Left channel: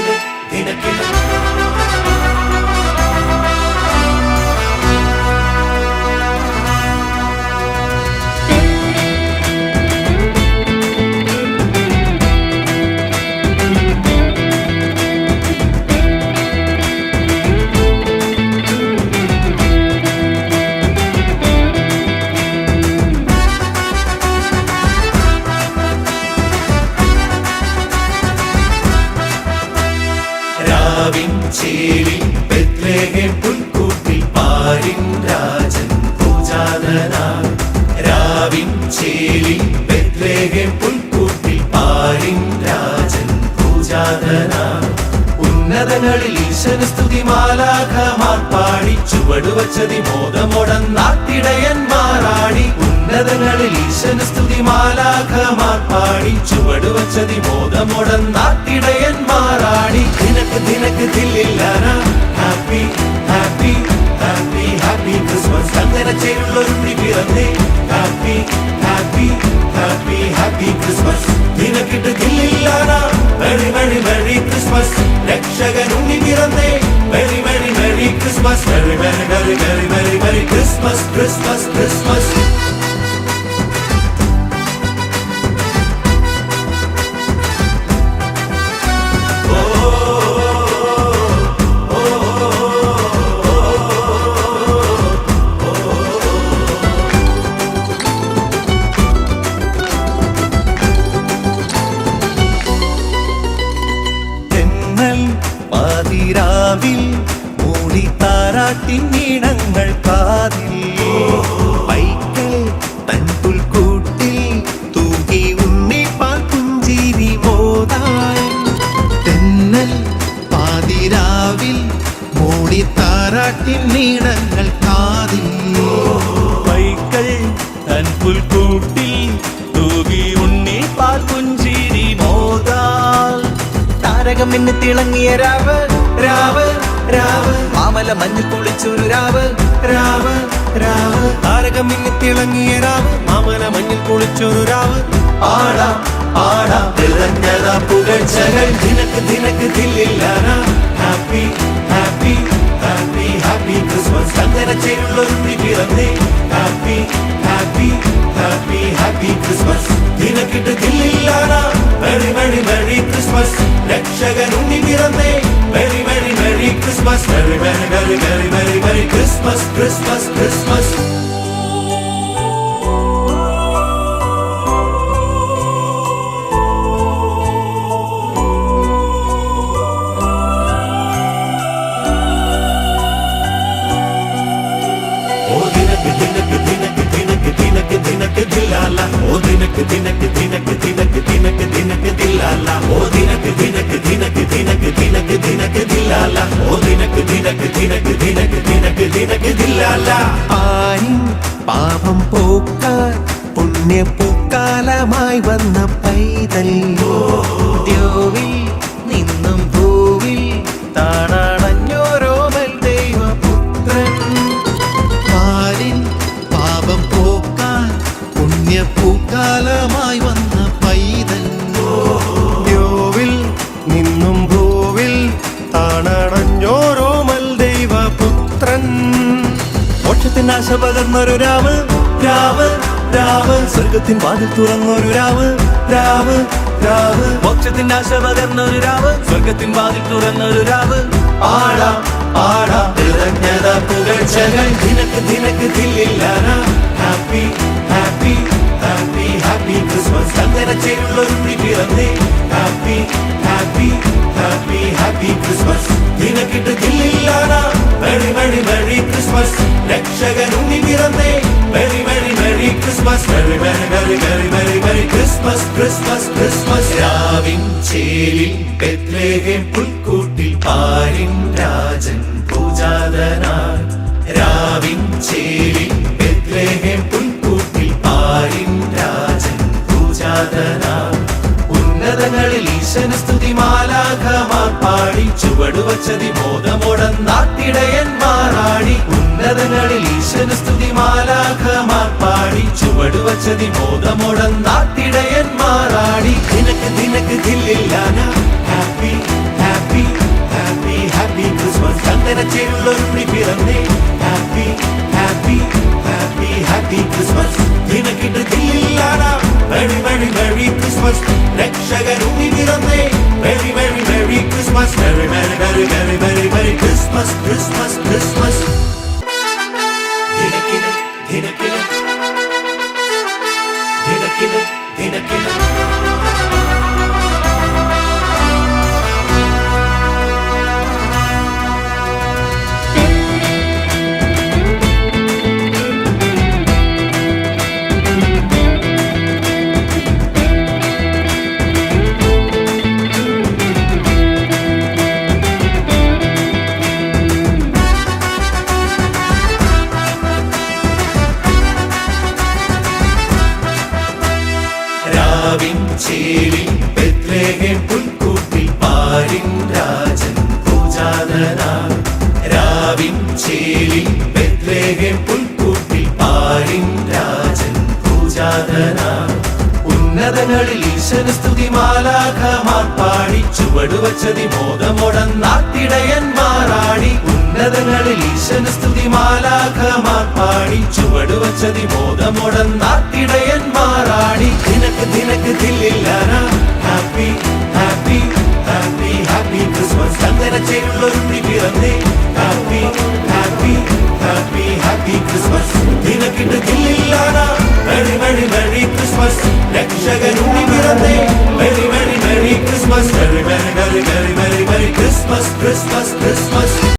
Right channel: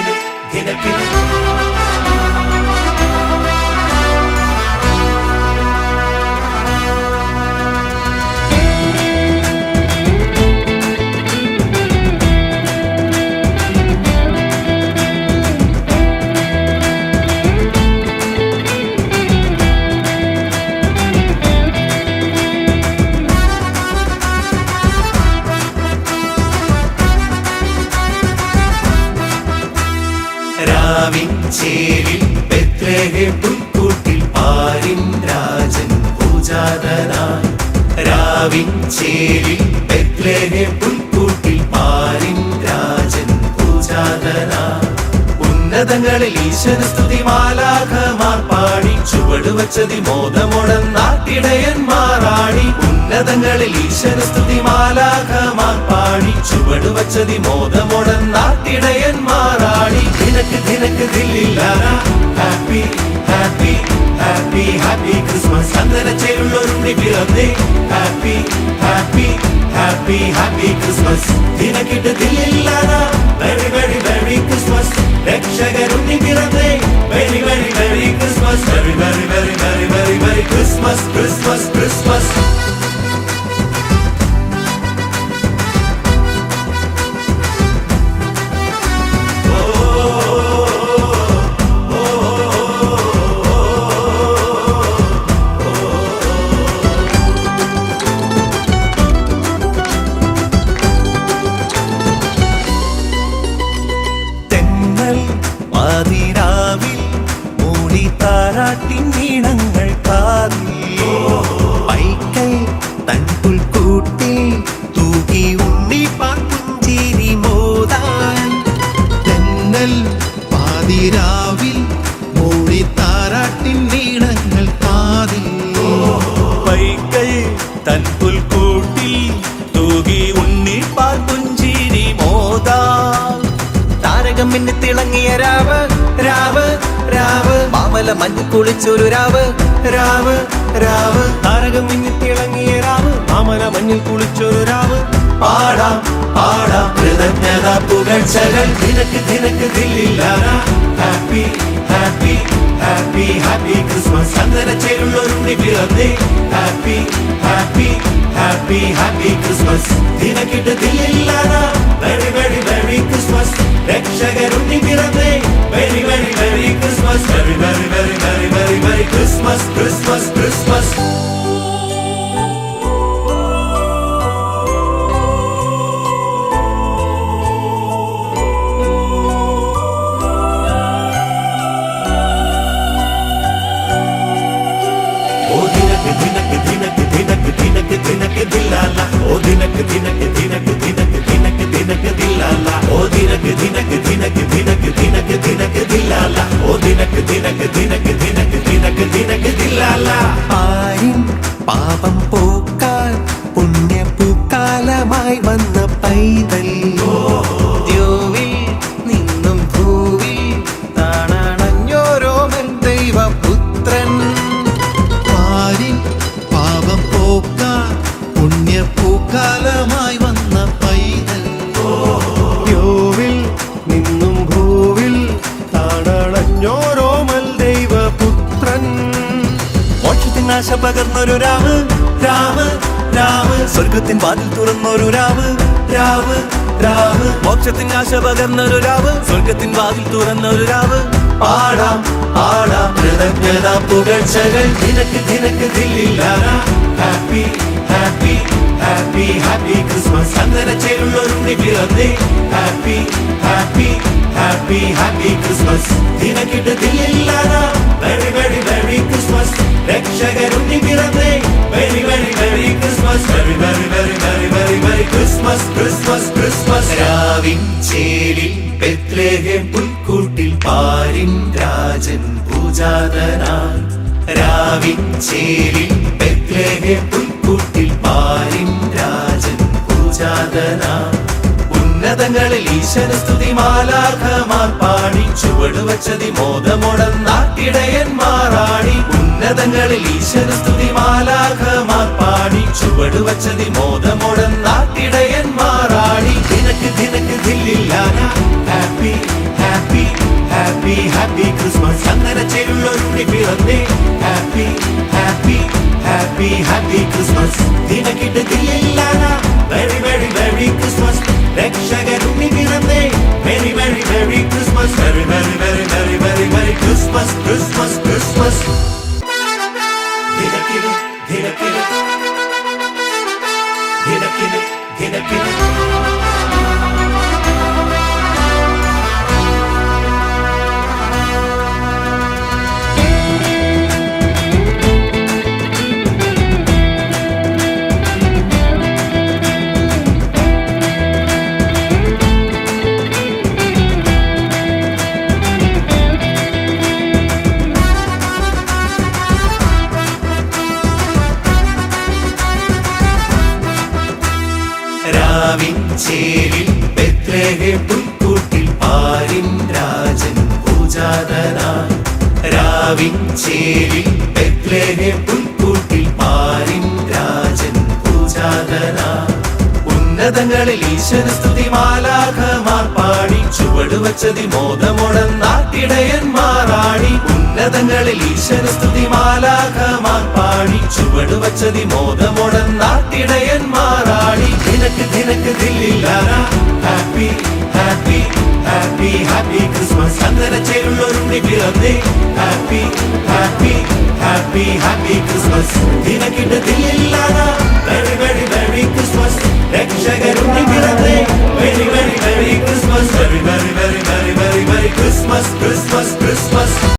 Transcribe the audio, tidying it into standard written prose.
ദിനക്കിന് ദിനക്കിന് ചേരിൽ Bethlehem പുൽക്കൂട്ടിൽ പാരിൻ രാജൻ പൂജാതനാം. രാവിൻ ചേരിൽ ബെത്ലഹേം പുൽക്കൂട്ടിൽ പാരിൻ രാജൻ പൂജാതനാം. ഉന്നതങ്ങളിൽ ഈശന സ്തുതി മാലാഖമാർ പാടി ചുവടുവച്ചതി മോദമൊടന്നാട്ടിടയന്മാരാടി. ഉന്നതങ്ങളിൽ ഈശന സ്തുതി മാലാഖമാർ പാടി ചുവടുവച്ചതി മോദമൊടന്നാട്ടിടയന്മാരാടി. ദിനക്ക് ദില്ലില്ലാനാ happy happy happy happy Christmas. ചന്ദനച്ചേരുള്ളൊരുണ്ണി പിറന്നേ happy happy happy happy Christmas. ദിനക്കിട്ട് ദില്ലില്ലാനാ വെരി വെരി വെരി ക്രിസ്മസ്. രക്ഷകനുണ്ണി പിറന്നേ very very very Christmas. Very very very very very very Christmas Christmas Christmas. പാതിരാവിൽ മൂടി താരാട്ടിൻ ഈണങ്ങൾ കാതിൽ. പൈക്കൽ തൻ പുൽക്കൂട്ടിൽ തൂകി ഉണ്ണി പാട്ടുഞ്ചേരി മോദാൻ. തെന്നൽ പാതിരാവിൽ മൂടി താരാട്ടിൻ ഈണങ്ങൾ കാതിൽ. പൈക്കൽ തൻ പുൽക്കൂട്ടിൽ തൂകി ഉണ്ണി പാട്ടുഞ്ചേരി മോദാൻ. താരകമെന്ന് തിളങ്ങിയ രാവ് രാവ് രാവ്. മാമല മഞ്ഞ് കുളിച്ചൊരു രാവ് രാവ് രാവ്. താരകമെന്ന് തിളങ്ങിയ രാവ് മാമല മഞ്ഞിൽ കുളിച്ചൊരു രാവ്. പാടാം പാടാം നിറഞ്ഞത പുകഴ്ചകൾ. ദിനക്ക് ദില്ലില്ലാനാ happy happy happy happy Christmas. ചന്ദനച്ചേരുള്ളൊരുണ്ണി പിറന്നേ happy happy happy happy Christmas. ദിനക്കിട്ട് ദില്ലില്ലാനാ വെരി വെരി വെരി ക്രിസ്മസ്. രക്ഷകനുണ്ണി പിറന്നേ very very very Christmas. Very very very very very very Christmas Christmas Christmas. ദിനക്ക് ദിനക്ക് ദിനക്ക് ദിനക്ക് ദിനക്ക് ദിനക്ക് ദില്ലാല. ഓ ദിനക്ക് ദിനക്ക് ദിനക്ക് ദിനക്ക് ദിനക്ക് ദിനക്ക് ദില്ലാല. ഓ ദിനക്ക് ദിനക്ക് ദിനക്ക് ദിനക്ക് ദിനക്ക് ദിനക്ക് ദില്ലാല. ഓ ദിനക്ക് ദിനക്ക് ദിനക്ക് ദിനക്ക് ദിനക്ക് ദിനക്ക് ദില്ലാല. ആരിൻ പാപം പോക്കാൻ പുണ്യപൂക്കാലമായി വന്ന പൈതൽ. ദ്യോവിൽ നിന്നും ഭൂവിൽ താണാണഞ്ഞോരോമൽ ദൈവപുത്രൻ. പാപം പോക്കാൻ പുണ്യപൂക്കാലമായി വന്ന പൈതൽ. ദ്യോവിൽ നിന്നും ഭൂവിൽ താണണഞ്ഞോരോമൽ ദൈവപുത്രൻ. മോക്ഷത്തിൻ ആശ പകർന്നൊരു രാവ് രാവ് രാവ്. സ്വർഗത്തിൻ വാതിൽ തുറന്നൊരു രാവ് രാവ് രാവ്. മോക്ഷത്തിൻ ആശ പകർന്നൊരു രാവ് സ്വർഗത്തിൻ വാതിൽ തുറന്നൊരു രാവ്. പാടാം പാടാം നിറഞ്ഞത പുകഴ്ചകൾ. ദിനക്ക് ദില്ലില്ലാനാ happy happy happy happy Christmas. ചന്ദനച്ചേരുള്ളൊരുണ്ണി പിറന്നേ happy happy happy happy Christmas. ദിനക്കിട്ട് ദില്ലില്ലാനാ വെരി വെരി വെരി ക്രിസ്മസ്. രക്ഷകനുണ്ണി പിറന്നേ very very very Christmas. Very very very very very very Christmas Christmas Christmas. രാവിൻ ചേരിൽ ബെത്ലഹേം പുൽക്കൂട്ടിൽ പാരിൻ രാജൻ പൂജാതനാം. രാവിൻ ചേരിൽ ബെത്ലഹേം പുൽക്കൂട്ടിൽ പാരിൻ രാജൻ പൂജാതനാം. ഉന്നതങ്ങളിൽ ഈശന സ്തുതി മാലാഖമാർ പാടി ചുവടുവച്ചതി മോദമൊടന്നാട്ടിടയന്മാരാടി. ഉന്നതങ്ങളിൽ ഈശന സ്തുതി മാലാഖമാർ പാടി ചുവടുവച്ചതി മോദമൊടന്നാട്ടിടയന്മാരാടി. ദിനക്ക് ദില്ലില്ലാനാ ഹാപ്പി ഹാപ്പി ചന്തനച്ചേരുള്ളൊരുണ്ണി പിറന്നേ happy happy happy happy Christmas ദിനക്കിട്ട് തില്ലില്ലാനാ വെരി വെരി വെരി ക്രിസ്മസ് രക്ഷകരുണ്ണി പിറന്നേ very very very Christmas very very very very very very Christmas Christmas Christmas ദിനക്കിട്ട് ദിനക്കിട്ട് ദിനക്കിട്ട് ദിനക്കിട്ട് ചേരിൽ ബെത്ലഹേം പുൽക്കൂട്ടിൽ പാരിൻ രാജൻ പൂജാതനായി രാവിൻ ചേരിൽ ബെത്ലഹേം പുൽക്കൂട്ടിൽ പാരിൻ രാജൻ പൂജാതനായി ഉന്നതങ്ങളിൽ ഈശ്വര സ്തുതി മാലാഖമാർ പാടി ചുവടുവച്ചതി മോദമൊടന്നാട്ടിടയന്മാരാടി ഉന്നതങ്ങളിൽ ഈശ്വര സ്തുതി മാലാഖമാർ പാടി ചുവടുവച്ചതി മോദമൊടന്നാട്ടിടയന്മാരാടി ദിനക്ക് ദില്ലില്ലാനാ happy happy happy happy Christmas ചന്തനച്ചേരുള്ളൊരുണ്ണി പിറന്നേ happy happy happy happy Christmas ദിനക്കിട്ട് ദില്ലില്ലാനാ വെരി വെരി വെരി ക്രിസ്മസ് രക്ഷകരുണ്ണി പിറന്നേ very very very Christmas very very very very very very Christmas Christmas Christmas